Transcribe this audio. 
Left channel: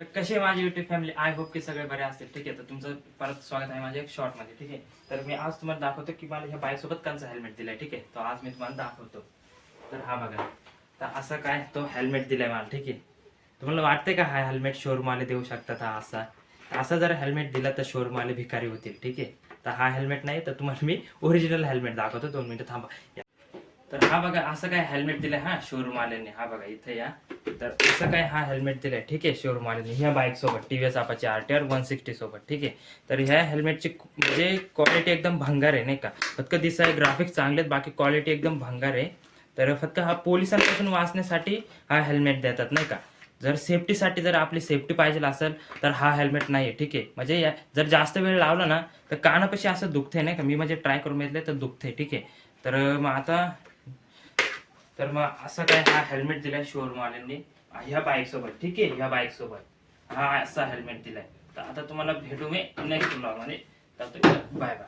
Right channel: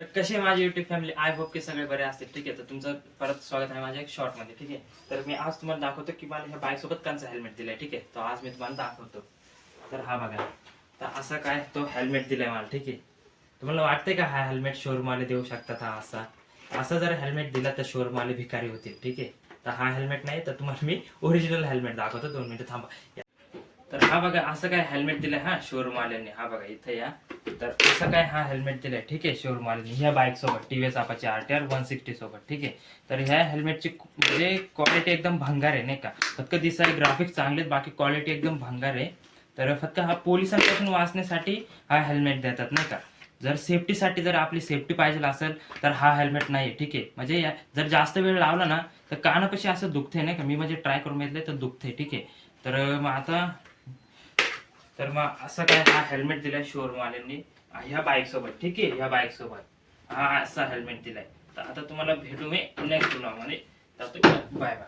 तर कशी आहे माझी युट्यूब फॅमिली, आय होप की सगळे बरे असतील. ठीक आहे, तर तुमचं परत स्वागत आहे माझ्या एक शॉर्ट मध्ये. ठीक आहे, तर मी आज तुम्हाला दाखवतो की मला ह्या बाईक सोबत कोणचा हेल्मेट दिलाय. ठीक आहे, तो आज मी तुम्हाला दाखवतो. तर हा बघा, तर असं काय तो हेल्मेट दिलाय मला. ठीक आहे, तुम्हाला वाटतंय का हा हेल्मेट शोरूम वाले देऊ शकतात? हा असा असं जर हेल्मेट दिला तर शोरूम वाले भिकारी होतील. ठीक आहे, तर हा हेल्मेट नाही, तर तुम्हाला मी ओरिजिनल हेल्मेट दाखवतो. 2 मिनिटं थांबा. तर हा बघा, असं काय हेल्मेट दिलंय हा शोरूम वाल्यांनी. हा बघा इथे या. तर असं काय हा हेल्मेट दिलाय. ठीक आहे, शोरूम वाल्यांनी ह्या बाईक सोबत टीव्हीएस अपाचे आरटीआर 160 सोबत. ठीक आहे, तर ह्या हेल्मेटची म्हणजे क्वालिटी एकदम भंगार आहे नाही का. फक्त दिसाय ग्राफिक्स चांगले आहेत, बाकी क्वालिटी एकदम भंगार आहे. तर फक्त हा पोलिसांपासून वाचण्यासाठी हा हेल्मेट देतात नाही का. जर सेफ्टीसाठी जर आपली सेफ्टी पाहिजे असेल तर हा हेल्मेट नाही. ठीक आहे, म्हणजे जर जास्त वेळ लावला ना तर कानापाशी असं दुखते नाही का. मी म्हणजे ट्राय करून बघितले तर दुखते. ठीक आहे, तर मग असं काय हा हेल्मेट दिलाय शोरूम वाल्यांनी ह्या बाईक सोबत. ठीक आहे, ह्या बाईक सोबत हा असा हेल्मेट दिलाय. तर आता तुम्हाला भेटू मी नेक्स्ट ब्लॉग मध्ये. तर बाय बाय.